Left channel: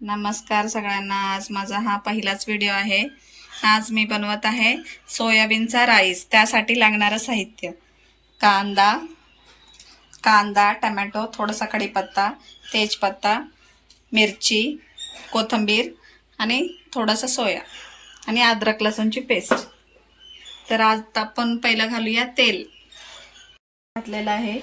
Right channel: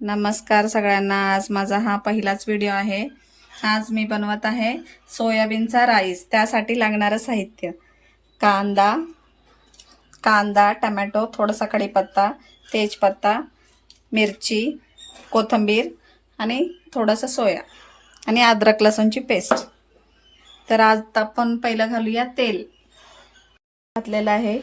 नमस्कार सगळ्यांना। आज माझा हा पहिलाच व्हिडिओ आहे। आज मी बनवत आहे सोयाबीनचा राईस। त्यासाठी लागणारं साहित्य कांदा, टोमॅटो, थोडासा कढीपत्ता, तेजपत्ता, मिरची, कोथिंबीर आणि थोडासा सोया आणि अद्रक लसूणची पेस्ट। तर आज आपण पहिलं घालूया तेल। घातलेलं आहे।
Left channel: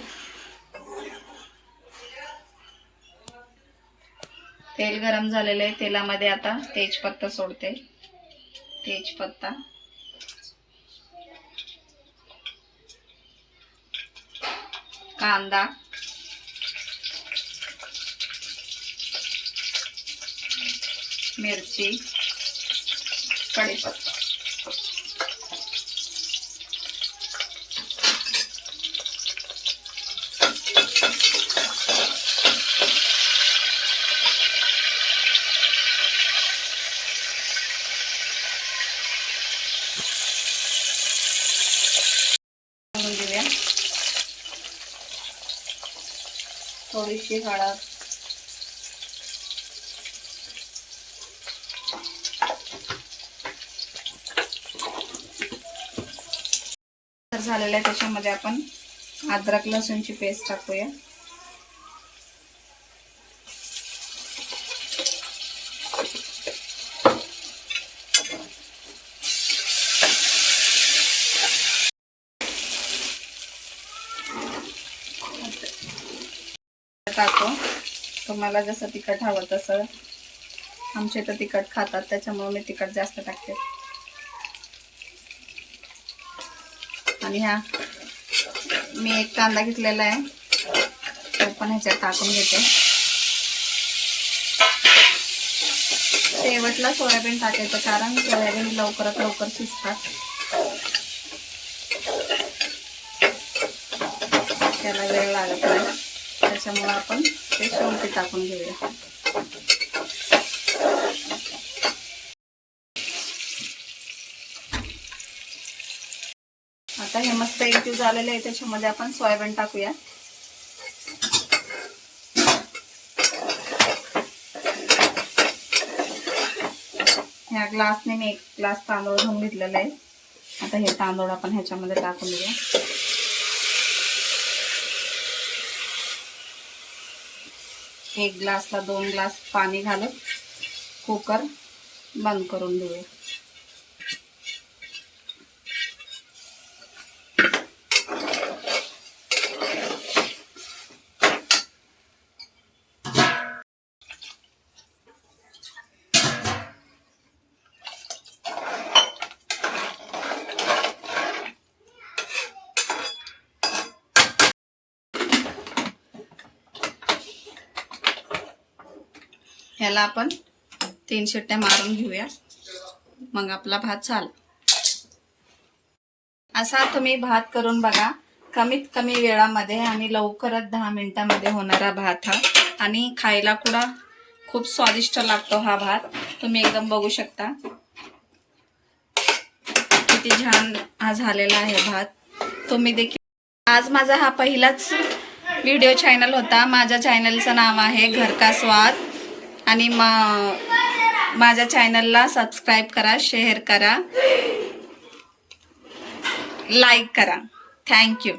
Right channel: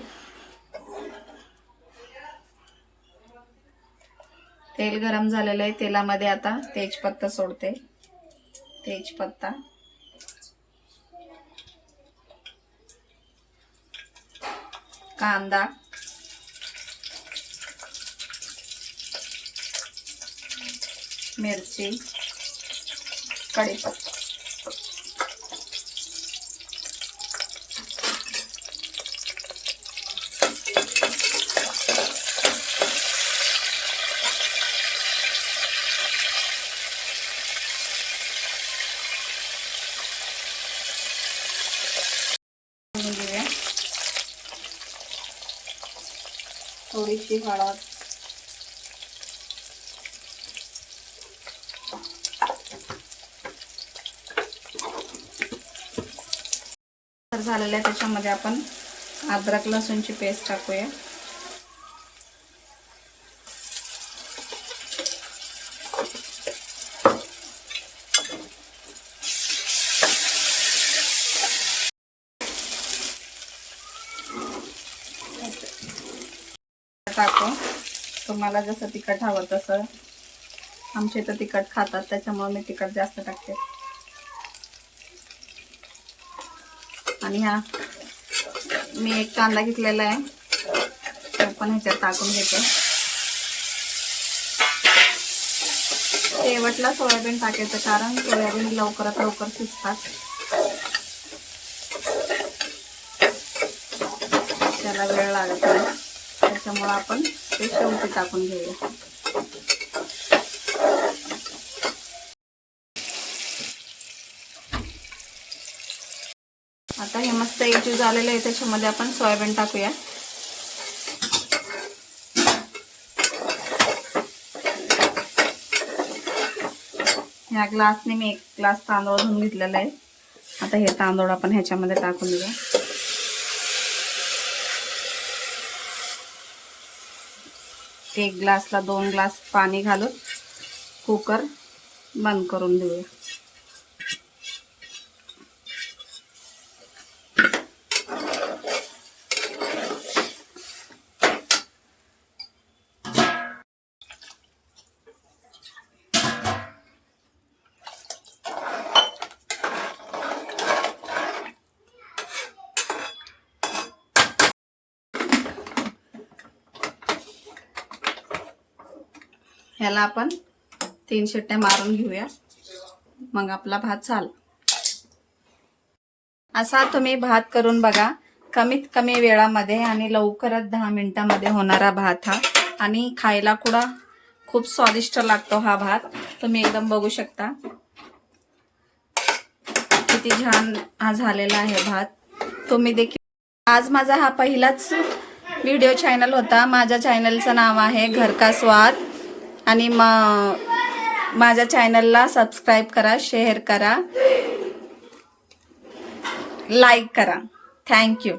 तेल गरम झालेलं आहे। तेलामध्ये आता तेजपत्ता सोडते। तेजपत्ता, कांदा, मिरची, कढीपत्ता, घेऊया थोडीशी हळद, झालेलं आहे। त्याच्यामध्ये आपण अद्रक लसूणची पेस्ट टाकूया। टाकू, तुम्हाला जसं तिखट हवं तसं। आमचे तर तिखट खातात त्याच्यामुळे मी तिखट जास्त टाकते। आणि मी एक कांदा घेतलेला आहे, तो पण ह्याच्यात टाकून घेते। शेवटला सोयाबीन टाकायचं, कारण सोयाबीन लवकरात लवकर शिजतात, त्याला वेळ लागत नाही। त्याच्यामुळे आपण ते शेवटी टाकून घेऊया। आता हे मस्त एकजीव झालेलं आहे। त्याच्यामध्ये आपण सोयाबीन टाकूया। ह्या ग्लासने मी 1 ग्लास तांदूळ धुवून घेतलेला आहे। आता हे तांदूळ आपण ह्याच्यामध्ये टाकून देऊया। एक ग्लासला 2 ग्लास पाणी घालून कुकर बंद करून देऊया। ह्याला आपण 3 शिट्ट्या मारून घेऊया, मग आपला भात झाला। असा तुम्ही भात करून बघा। कमीत कमी वेळामध्ये आणि लवकरात 10 मिनिटांमध्ये होणारा भात हा, आणि खायला खूप स्वादिष्ट लागतो हा भात। तुम्ही एकदम बघू शकता किती छान हा झालेला आहे भात। तुम्ही देखील। आज माझा हा पहिलाच व्हिडिओ चॅनल होता। माझ्या चॅनलचं नाव आहे घर का स्वाद, आणि माझ्या चॅनलला सबस्क्राईब करा, शेअर करा, लाईक करा। थँक्यू।